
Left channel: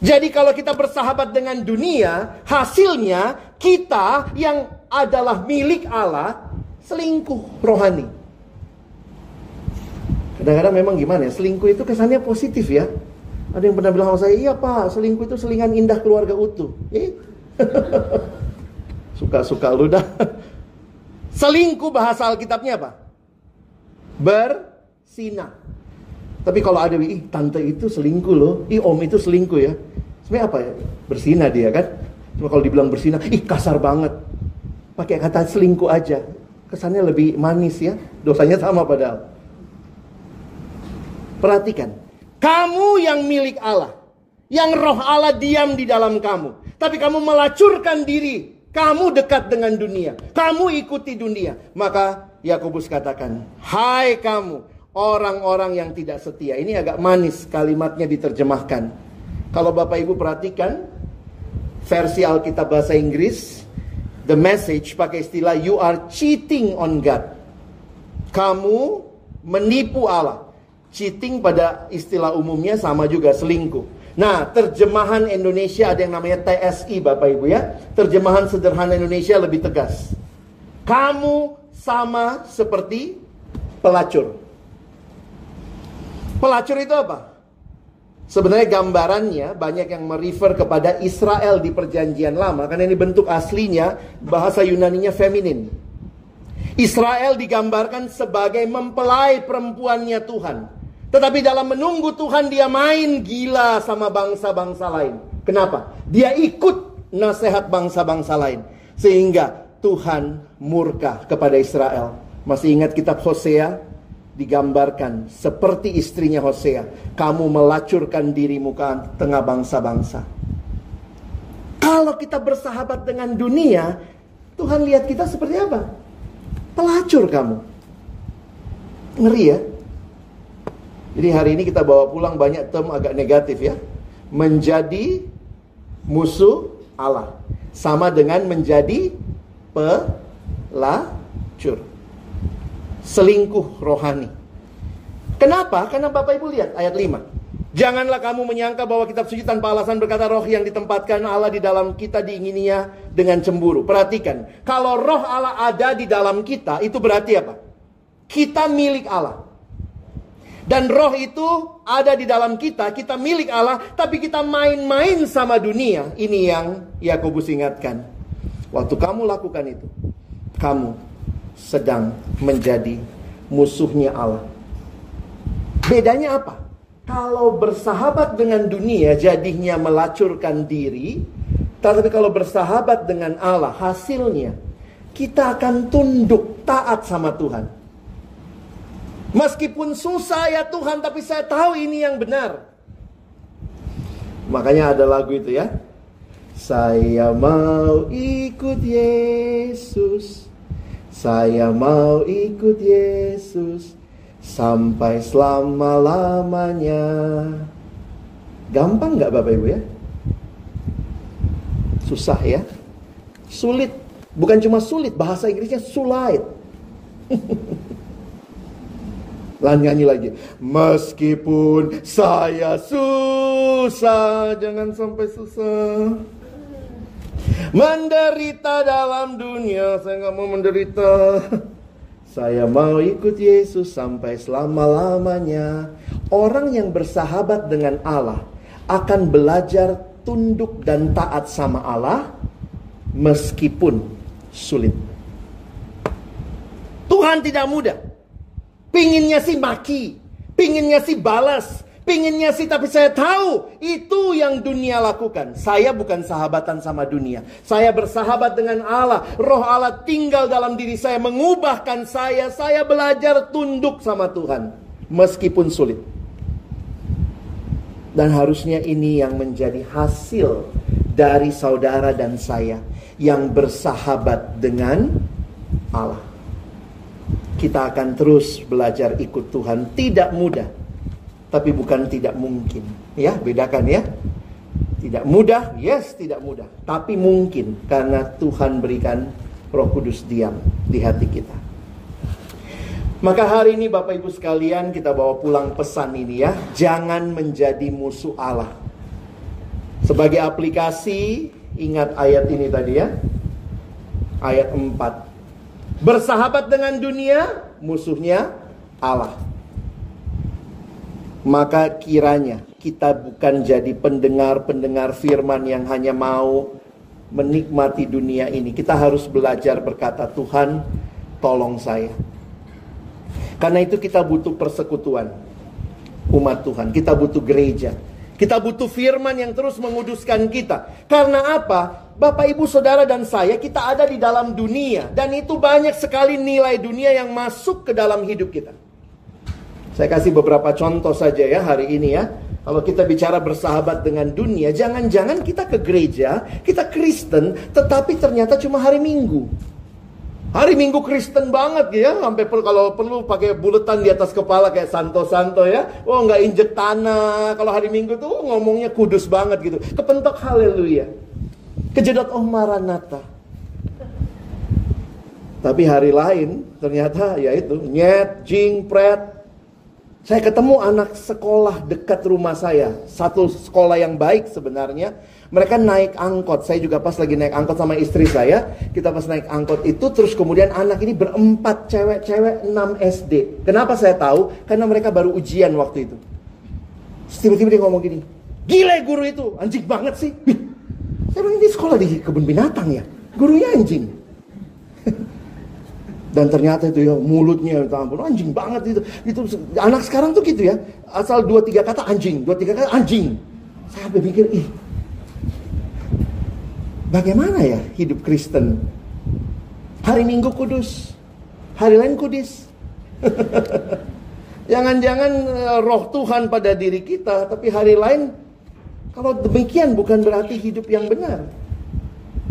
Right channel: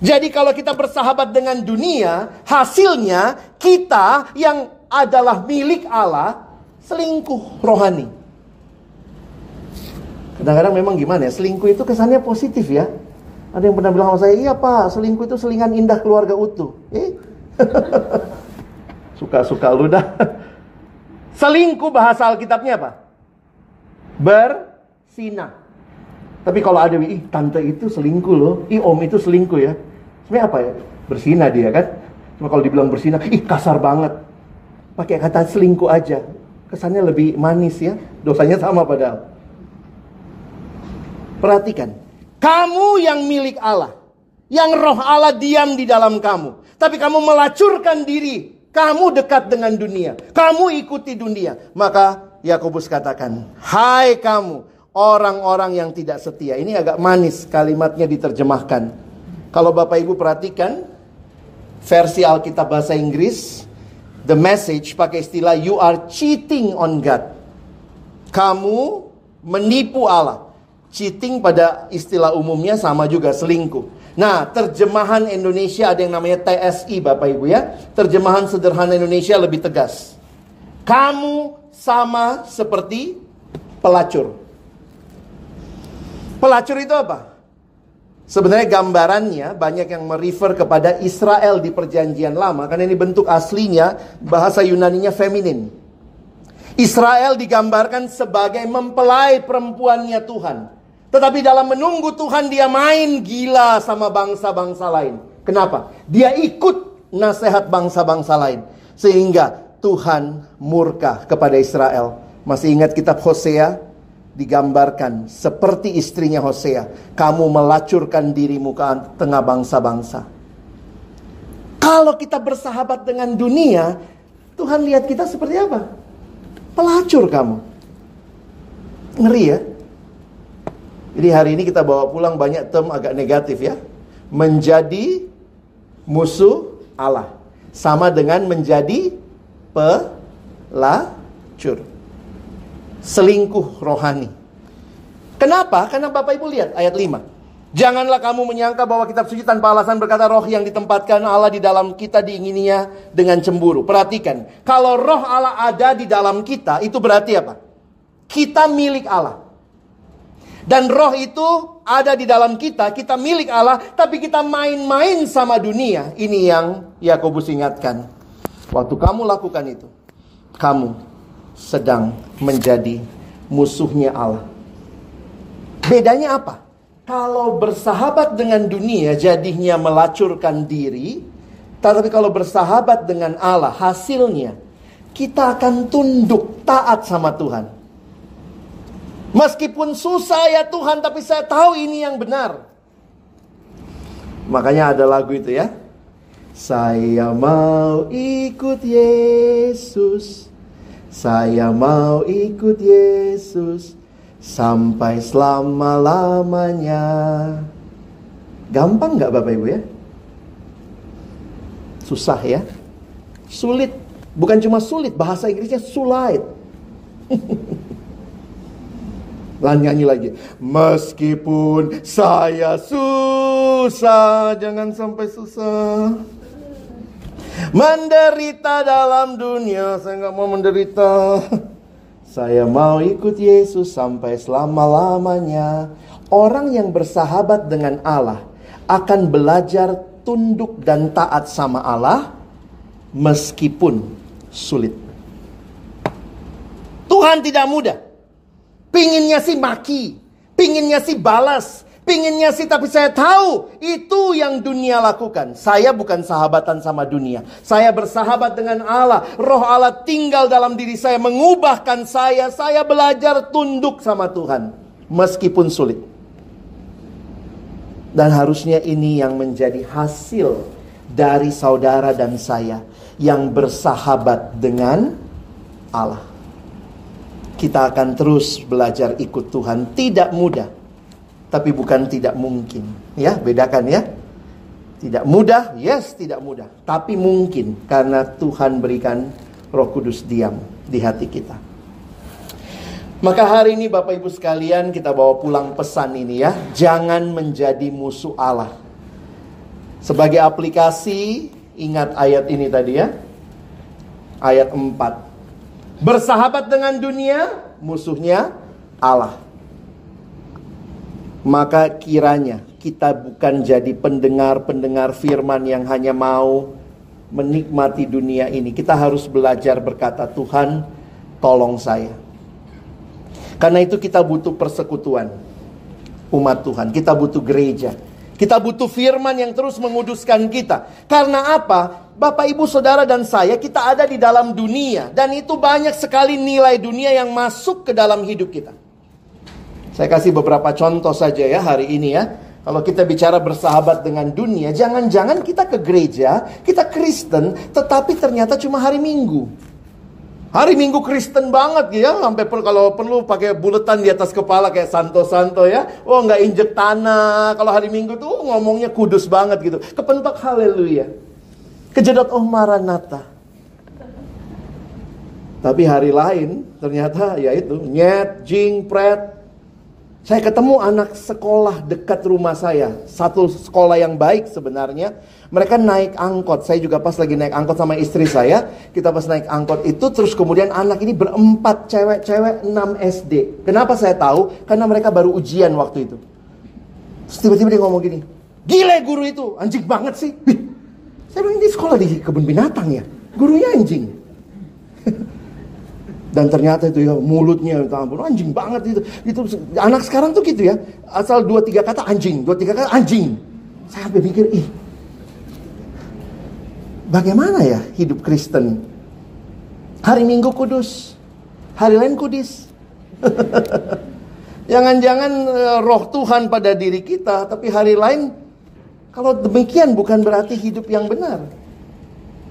Jadi kalau kita bersahabat dengan dunia, hasilnya kita yang adalah milik Allah selingkuh rohani. Kadang-kadang memang gimana ya, selingkuh itu kesannya positif ya. Ada yang pernah bilang sama saya, iya Pak, selingkuh itu selingan indah keluarga utuh. Suka-suka lu dah. Selingkuh bahasa Alkitabnya apa? Bersinah. Tapi kalau ada, tante itu selingkuh loh, om itu selingkuh ya. Sebenarnya apa ya? Bersinah dia kan. Cuma kalau dibilang bersinah, kasar banget. Pakai kata selingkuh aja, kesannya lebih manis ya. Dosanya sama padahal. Perhatikan, kamu yang milik Allah, yang roh Allah diam di dalam kamu, tapi kamu melacurkan diri, kamu dekat dengan dunia, kamu ikuti dunia. Maka Yakobus katakan, hai kamu orang-orang yang tidak setia. Ini agak manis kalimatnya diterjemahkan. Kalau Bapak Ibu perhatikan versi Alkitab bahasa Inggris, The Message pakai istilah you are cheating on God. Kamu menipu Allah. Cheating pada istilah umumnya sama juga, selingkuh. Nah, terjemahan Indonesia ada yang namanya TSI Bapak Ibu ya. Terjemahan sederhana Indonesia lebih tegas. Kamu sama seperti pelacur. Pelacur itu apa? Sebenarnya gambarannya banyak yang merefer kepada Israel di perjanjian lama. Karena ini bentuk aslinya, bahasa Yunaninya feminin. Israel digambarkan sebagai mempelai perempuannya Tuhan. Tetapi dalam menunggu Tuhan, dia main gila sama bangsa-bangsa lain. Kenapa? Dia ikut nasihat bangsa-bangsa lain. Sehingga Tuhan murka kepada Israel. Masih ingat kitab Hosea? Digambarkan seperti istrinya Hosea. Kamu melacurkan dirimu ke tengah bangsa-bangsa. Kalau kita bersahabat dengan dunia, Tuhan lihat kita seperti apa? Pelacur kamu. Ngeri ya? Jadi hari ini kita bawa pulang banyak term agak negatif ya. Menjadi musuh Allah sama dengan menjadi pelacur. Selingkuh rohani. Kenapa? Karena Bapak Ibu lihat ayat 5. Janganlah kamu menyangka bahwa kitab suci tanpa alasan berkata roh yang ditempatkan Allah di dalam kita diingininya dengan cemburu. Perhatikan, kalau roh Allah ada di dalam kita, itu berarti apa? Kita milik Allah. Dan roh itu ada di dalam kita, kita milik Allah, tapi kita main-main sama dunia. Ini yang Yakobus ingatkan. Waktu kamu lakukan itu, kamu sedang menjadi musuhnya Allah. Bedanya apa? Kalau bersahabat dengan dunia jadinya melacurkan diri. Tapi kalau bersahabat dengan Allah, hasilnya kita akan tunduk taat sama Tuhan. Meskipun susah ya Tuhan, tapi saya tahu ini yang benar. Makanya ada lagu itu ya. Saya mau ikut Yesus. Saya mau ikut Yesus sampai selama-lamanya. Gampang gak Bapak Ibu ya? Susah ya? Sulit. Bukan cuma sulit, bahasa Inggrisnya sulit. Nyanyi lagi. Meskipun saya susah, jangan sampai susah. Menderita dalam dunia, saya gak mau menderita. Saya mau ikut Yesus sampai selama-lamanya. Orang yang bersahabat dengan Allah akan belajar tunduk dan taat sama Allah meskipun sulit. Tuhan tidak mudah. Pinginnya sih maki, pinginnya sih balas, pinginnya sih, tapi saya tahu itu yang dunia lakukan. Saya bukan sahabatan sama dunia. Saya bersahabat dengan Allah. Roh Allah tinggal dalam diri saya, mengubahkan saya. Saya belajar tunduk sama Tuhan meskipun sulit. Dan harusnya ini yang menjadi hasil dari saudara dan saya yang bersahabat dengan Allah. Kita akan terus belajar ikut Tuhan. Tidak mudah, tapi bukan tidak mungkin. Ya, bedakan ya. Tidak mudah, yes, tidak mudah. Tapi mungkin karena Tuhan berikan Roh Kudus diam di hati kita. Maka hari ini Bapak Ibu sekalian, kita bawa pulang pesan ini ya. Jangan menjadi musuh Allah. Sebagai aplikasi, ingat ayat ini tadi ya. Ayat 4. Bersahabat dengan dunia, musuhnya Allah. Maka kiranya kita bukan jadi pendengar-pendengar firman yang hanya mau menikmati dunia ini. Kita harus belajar berkata, Tuhan, tolong saya. Karena itu kita butuh persekutuan umat Tuhan. Kita butuh gereja. Kita butuh firman yang terus menguduskan kita. Karena apa? Bapak, Ibu, Saudara, dan saya, kita ada di dalam dunia. Dan itu banyak sekali nilai dunia yang masuk ke dalam hidup kita. Saya kasih beberapa contoh saja ya hari ini ya. Kalau kita bicara bersahabat dengan dunia, jangan-jangan kita ke gereja, kita Kristen, tetapi ternyata cuma hari Minggu. Hari Minggu Kristen banget ya, sampai kalau perlu pakai buletan di atas kepala kayak santo-santo ya. Oh, nggak injek tanah. Kalau hari Minggu tuh ngomongnya kudus banget gitu. Kepentok haleluya. Kejedot oh Maranatha. Tapi hari lain ternyata ya itu nyet, jing, pret. Saya ketemu anak sekolah dekat rumah saya. Satu sekolah yang baik sebenarnya. Mereka naik angkot. Saya juga pas lagi naik angkot sama istri saya. Kita pas naik angkot itu. Terus kemudian anak ini berempat cewek-cewek 6 SD. Kenapa saya tahu? Karena mereka baru ujian waktu itu. Terus tiba-tiba dia ngomong gini. Gile guru itu. Anjing banget sih. Saya bilang ini sekolah di kebun binatang ya. Gurunya anjing. Dan ternyata itu ya mulutnya ampun anjing banget itu. Itu anak sekarang tuh gitu ya. Asal 2-3 kata anjing, 2-3 kata anjing. Saya sampai pikir, bagaimana ya hidup Kristen? Hari Minggu kudus, hari lain kudus. Jangan-jangan roh Tuhan pada diri kita, tapi hari lain kalau demikian bukan berarti hidup yang benar.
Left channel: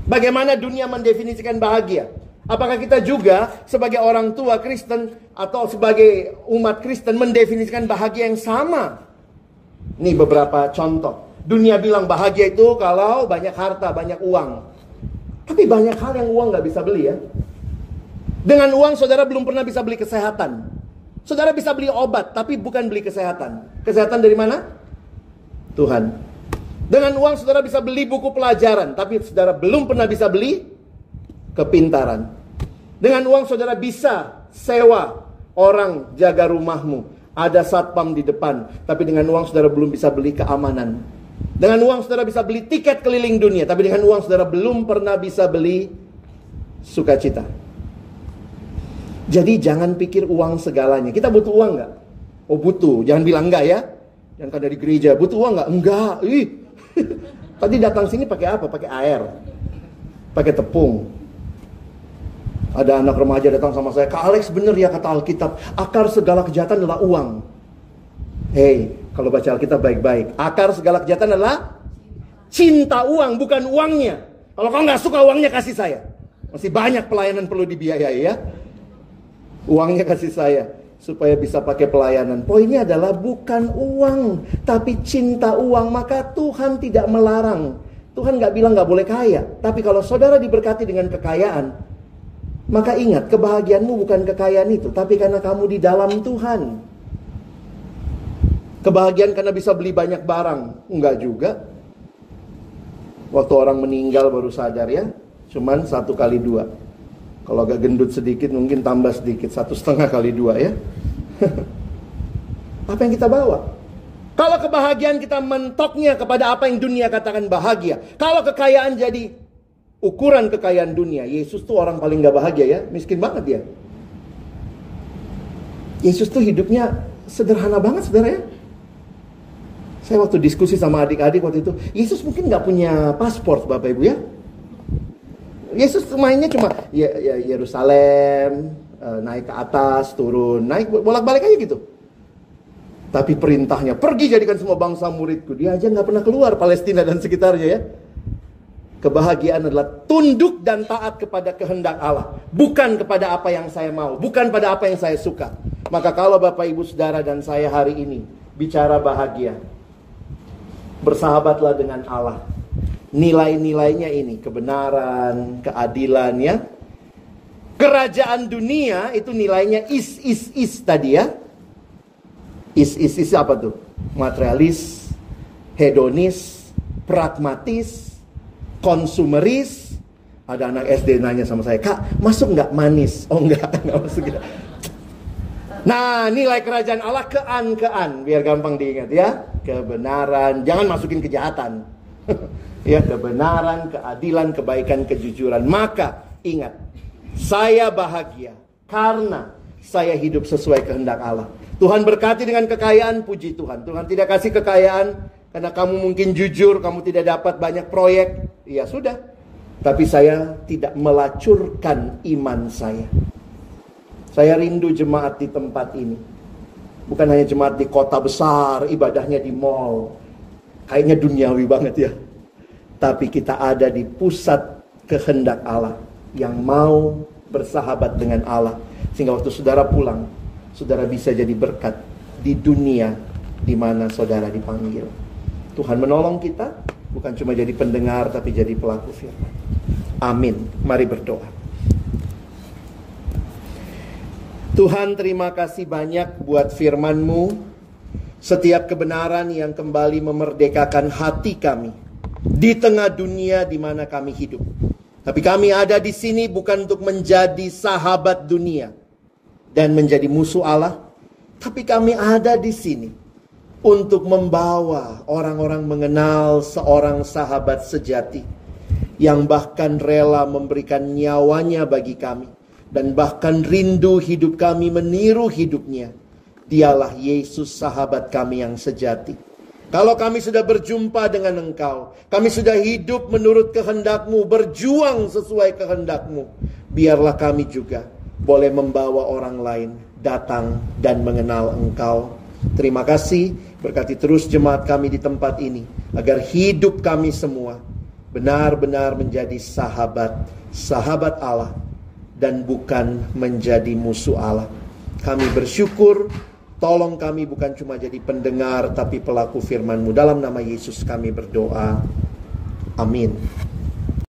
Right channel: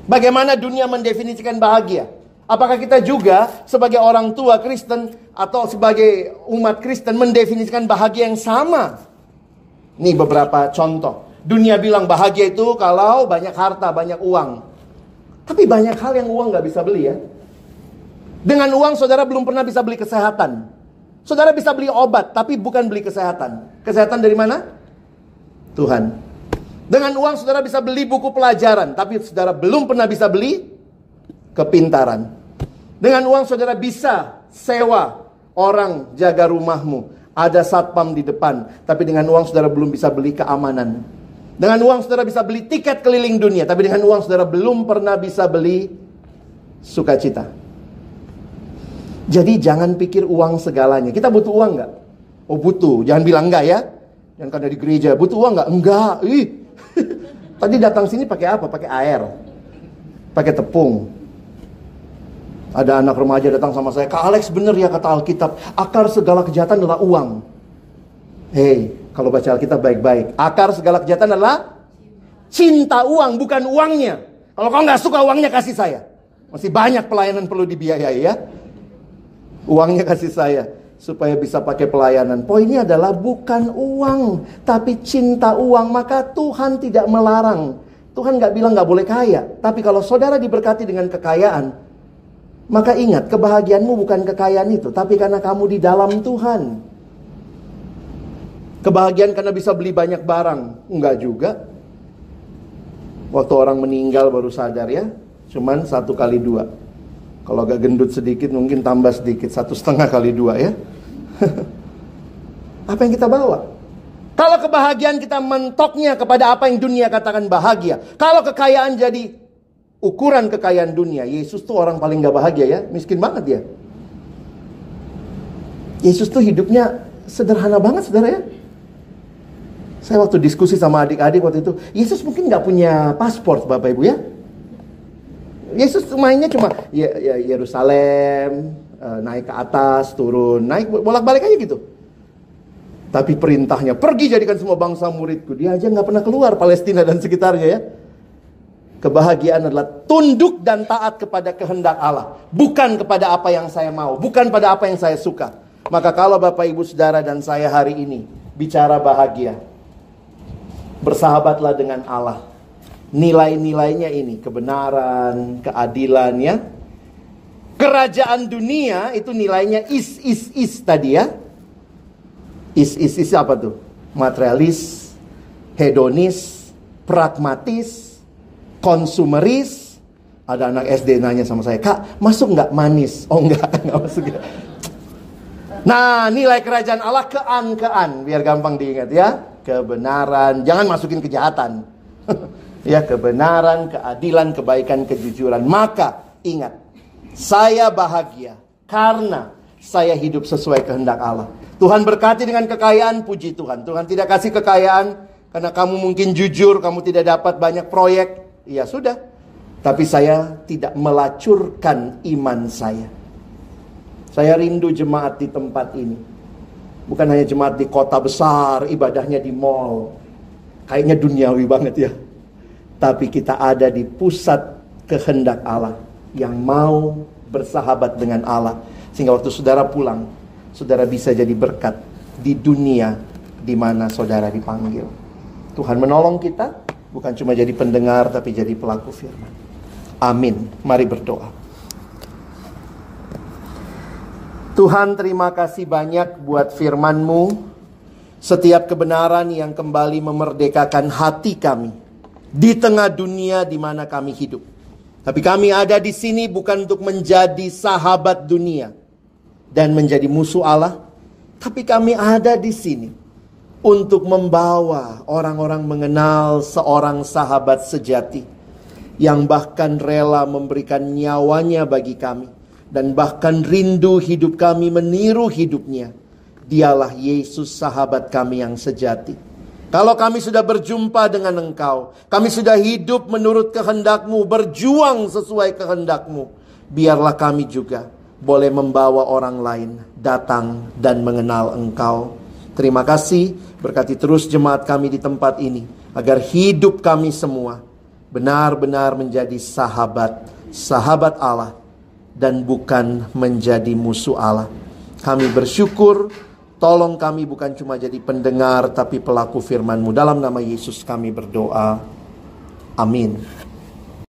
Bagaimana dunia mendefinisikan bahagia? Apakah kita juga sebagai orang tua Kristen atau sebagai umat Kristen mendefinisikan bahagia yang sama? Ini beberapa contoh. Dunia bilang bahagia itu kalau banyak harta, banyak uang. Tapi banyak hal yang uang gak bisa beli ya. Dengan uang saudara belum pernah bisa beli kesehatan. Saudara bisa beli obat, tapi bukan beli kesehatan. Kesehatan dari mana? Tuhan. Dengan uang saudara bisa beli buku pelajaran, tapi saudara belum pernah bisa beli kepintaran. Dengan uang saudara bisa sewa orang jaga rumahmu. Ada satpam di depan. Tapi dengan uang saudara belum bisa beli keamanan. Dengan uang saudara bisa beli tiket keliling dunia. Tapi dengan uang saudara belum pernah bisa beli sukacita. Jadi jangan pikir uang segalanya. Kita butuh uang gak? Oh butuh. Jangan bilang enggak ya. Yang kan dari gereja. Butuh uang gak? Enggak. Tadi datang sini pakai apa? Pakai air. Pakai tepung. Ada anak remaja datang sama saya. Kak Alex bener ya kata Alkitab. Akar segala kejahatan adalah uang. Hei, kalau baca Alkitab baik-baik. Akar segala kejahatan adalah cinta uang, bukan uangnya. Kalau kau gak suka uangnya kasih saya. Masih banyak pelayanan perlu dibiayai ya. Uangnya kasih saya. Supaya bisa pakai pelayanan. Poinnya adalah bukan uang. Tapi cinta uang. Maka Tuhan tidak melarang. Tuhan gak bilang gak boleh kaya. Tapi kalau saudara diberkati dengan kekayaan, maka ingat, kebahagiaanmu bukan kekayaan itu, tapi karena kamu di dalam Tuhan. Kebahagiaan karena bisa beli banyak barang, enggak juga. Waktu orang meninggal baru sadar ya, cuman 1x2. Kalau agak gendut sedikit mungkin tambah sedikit, 1,5x2 ya. Apa yang kita bawa? Kalau kebahagiaan kita mentoknya kepada apa yang dunia katakan bahagia. Kalau kekayaan jadi ukuran kekayaan dunia, Yesus tuh orang paling gak bahagia ya. Miskin banget dia. Yesus tuh hidupnya sederhana banget saudara ya. Saya waktu diskusi sama adik-adik waktu itu, Yesus mungkin gak punya paspor Bapak Ibu ya. Yesus mainnya cuma ya Yerusalem, naik ke atas, turun, naik bolak-balik aja gitu. Tapi perintahnya, pergi jadikan semua bangsa muridku. Dia aja gak pernah keluar Palestina dan sekitarnya ya. Kebahagiaan adalah tunduk dan taat kepada kehendak Allah. Bukan kepada apa yang saya mau. Bukan pada apa yang saya suka. Maka kalau Bapak Ibu Saudara dan saya hari ini bicara bahagia, bersahabatlah dengan Allah. Nilai-nilainya ini. Kebenaran, keadilan ya. Kerajaan dunia itu nilainya is tadi ya. Is apa tuh? Materialis, hedonis, pragmatis, konsumeris. Ada anak SD nanya sama saya, Kak masuk nggak manis? Oh nggak masuk ya. Nah, nilai kerajaan Allah kean, biar gampang diingat ya. Kebenaran, jangan masukin kejahatan. Ya, kebenaran, keadilan, kebaikan, kejujuran. Maka ingat, saya bahagia karena saya hidup sesuai kehendak Allah. Tuhan berkati dengan kekayaan, puji Tuhan. Tuhan tidak kasih kekayaan karena kamu mungkin jujur, kamu tidak dapat banyak proyek. Ya sudah. Tapi saya tidak melacurkan iman saya. Saya rindu jemaat di tempat ini. Bukan hanya jemaat di kota besar, ibadahnya di mall. Kayaknya duniawi banget ya. Tapi kita ada di pusat kehendak Allah yang mau bersahabat dengan Allah. Sehingga waktu saudara pulang, saudara bisa jadi berkat di dunia di mana saudara dipanggil. Tuhan menolong kita, bukan cuma jadi pendengar, tapi jadi pelaku firman. Amin. Mari berdoa. Tuhan, terima kasih banyak buat firman-Mu. Setiap kebenaran yang kembali memerdekakan hati kami di tengah dunia di mana kami hidup. Tapi kami ada di sini bukan untuk menjadi sahabat dunia dan menjadi musuh Allah. Tapi kami ada di sini untuk membawa orang-orang mengenal seorang sahabat sejati yang bahkan rela memberikan nyawanya bagi kami. Dan bahkan rindu hidup kami meniru hidupnya. Dialah Yesus, sahabat kami yang sejati. Kalau kami sudah berjumpa dengan Engkau, kami sudah hidup menurut kehendak-Mu, berjuang sesuai kehendak-Mu, biarlah kami juga boleh membawa orang lain datang dan mengenal Engkau. Terima kasih, berkati terus jemaat kami di tempat ini, agar hidup kami semua benar-benar menjadi sahabat Allah, dan bukan menjadi musuh Allah. Kami bersyukur, tolong kami bukan cuma jadi pendengar, tapi pelaku firman-Mu. Dalam nama Yesus kami berdoa. Amin.